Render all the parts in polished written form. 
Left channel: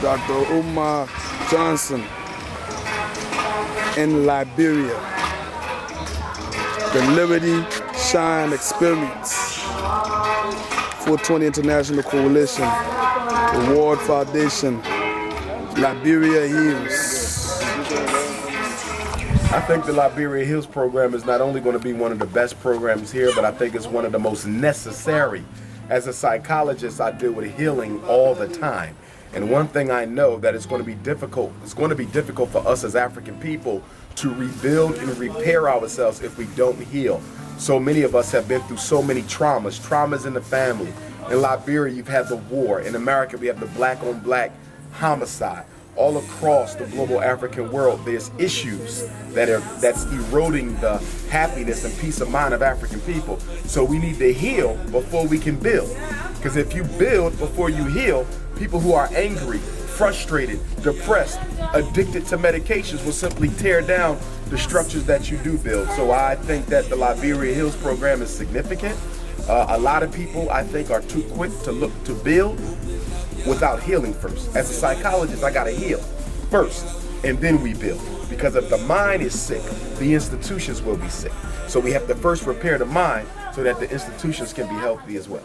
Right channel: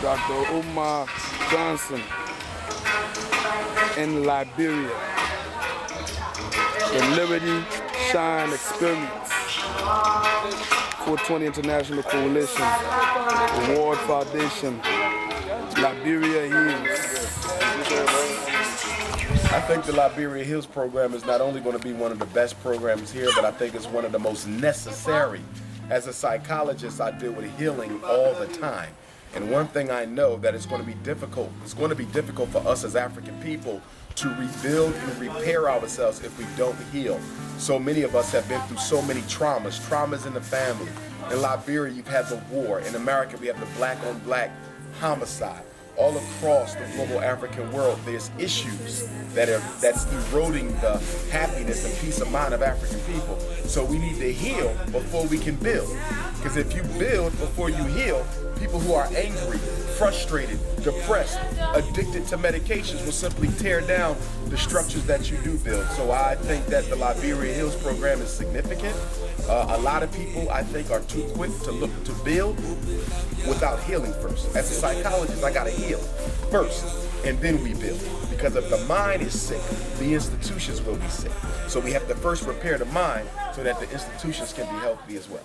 Dr. Umar Johnson in Liberia. The Liberty Shine Experience. 420 International Coalition, Award Foundation, Liberia Heals. I think the Liberia Heals program is not only going to be one of the best programs here, but I think it's one of the most necessary. As a psychologist, I deal with healing all the time. And one thing I know that it's going to be difficult for us as African people to rebuild and repair ourselves if we don't heal. So many of us have been through so many traumas in the family. In Liberia, you've had the war. In America, we have the black-on-black homicide. All across the global African world, there's issues that's eroding the happiness and peace of mind of African people. So we need to heal before we can build. Because if you build before you heal, people who are angry, frustrated, depressed, addicted to medications will simply tear down the structures that you do build. So I think that the Liberia Heals program is significant. A lot of people, I think, are too quick to look to build without healing first. As a psychologist, I gotta heal first, and then we build. Because if the mind is sick, the institutions will be sick. So we have to first repair the mind so that the institutions can be healthy as well.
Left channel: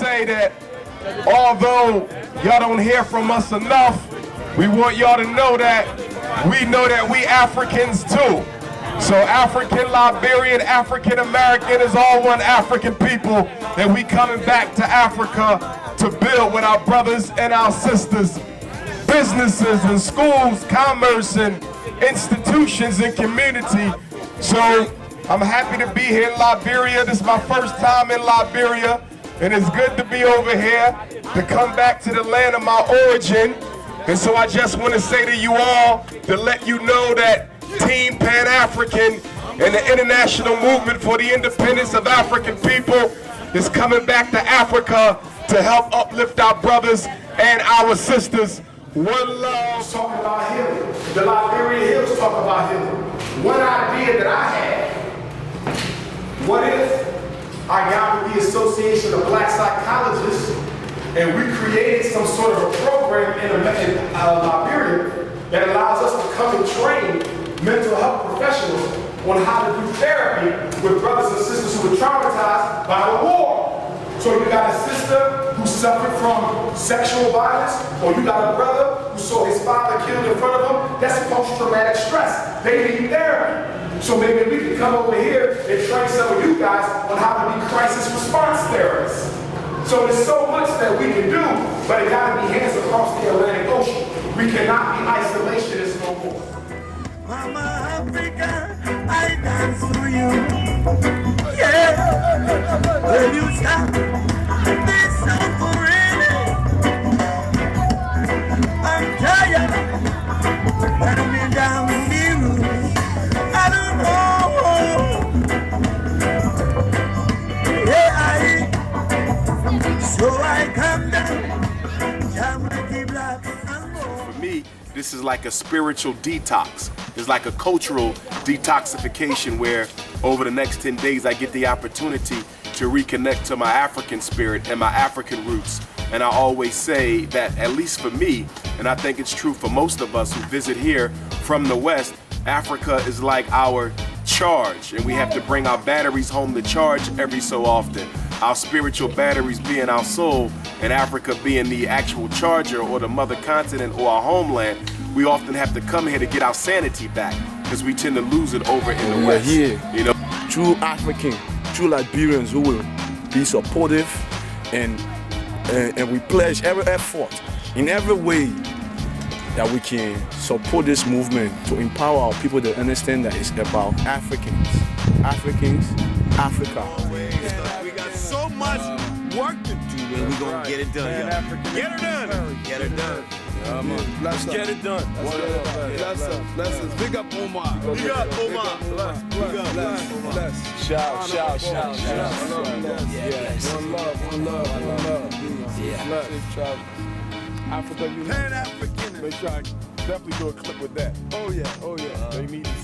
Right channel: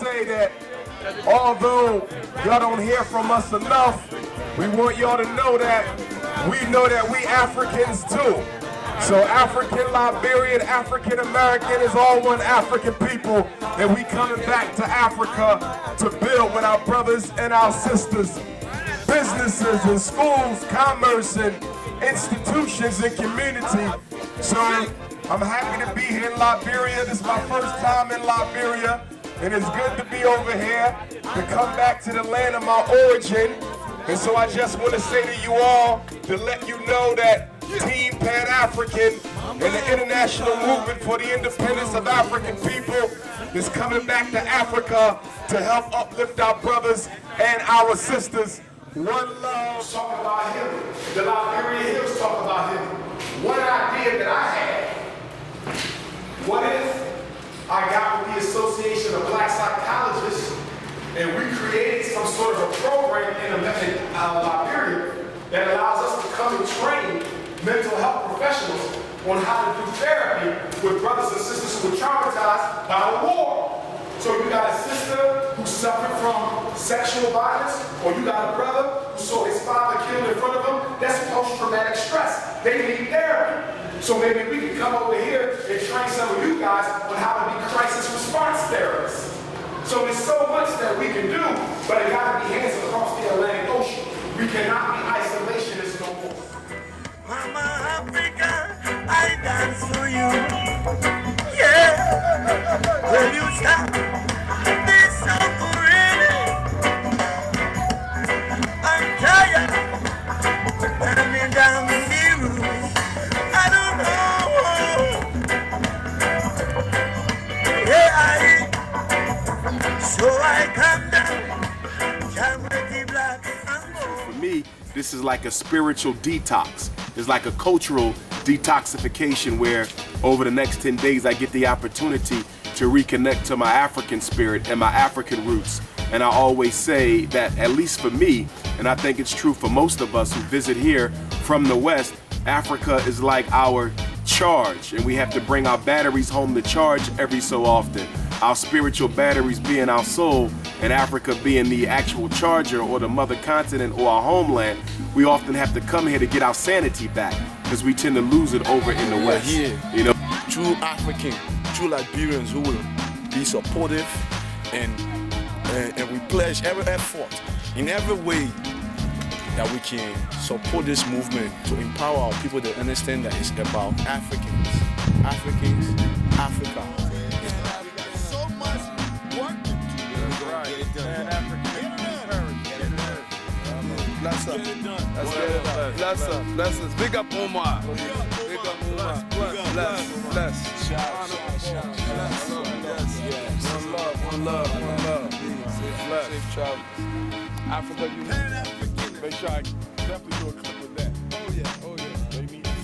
Say that although y'all don't hear from us enough, we want y'all to know that we Africans too. So African, Liberian, African American is all one African people, that we coming back to Africa to build with our brothers and our sisters, businesses and schools, commerce and institutions and community. So I'm happy to be here in Liberia. This is my first time in Liberia. And it's good to be over here, to come back to the land of my origin. And so I just want to say to you all, to let you know that Team Pan-African and the international movement for the independence of African people is coming back to Africa to help uplift our brothers and our sisters. One love. Talk about healing. The Liberia Heals talk about healing. One idea that I had, what if I got with the Association of Black Psychologists and we created some sort of a program in Liberia that allows us to come and train mental health professionals on how to do therapy with brothers and sisters who were traumatized by the war. So you got a sister who suffered from sexual violence, or you got a brother who saw his father killed in front of him. That's post-traumatic stress. They need therapy. So maybe we can come over here and train some of you guys on how to be crisis response therapists. So there's so much that we can do, but it gotta be hands across the Atlantic Ocean. We cannot be isolationists no more. Mama Africa, I dance for you. Yeah, will you stop this song forever? I'm tired, let me down the room. I don't know. Yeah, so I come down. For me, this is like a spiritual detox. It's like a cultural detoxification where over the next 10 days I get the opportunity to reconnect to my African spirit and my African roots. And I always say that, at least for me, and I think it's true for most of us who visit here from the West, Africa is like our charge, and we have to bring our batteries home to charge every so often. Our spiritual batteries being our soul, and Africa being the actual charger or the mother continent or our homeland. We often have to come here to get our sanity back because we tend to lose it over in the West. Here, you know, true African, true Liberians who will be supportive, and we pledge every effort in every way that we can support this movement to empower our people to understand that it's about Africans, Africa. We got so much done. Get it done. Pan-African. Get it done. Get it done. Bless Get it done. Bless us. Big up Umar. Big up, Umar. Bless. Shout. Yes. One love. Bless. Africa, you Pan-African. make sure I definitely do a clip with that. Oh yeah. They need to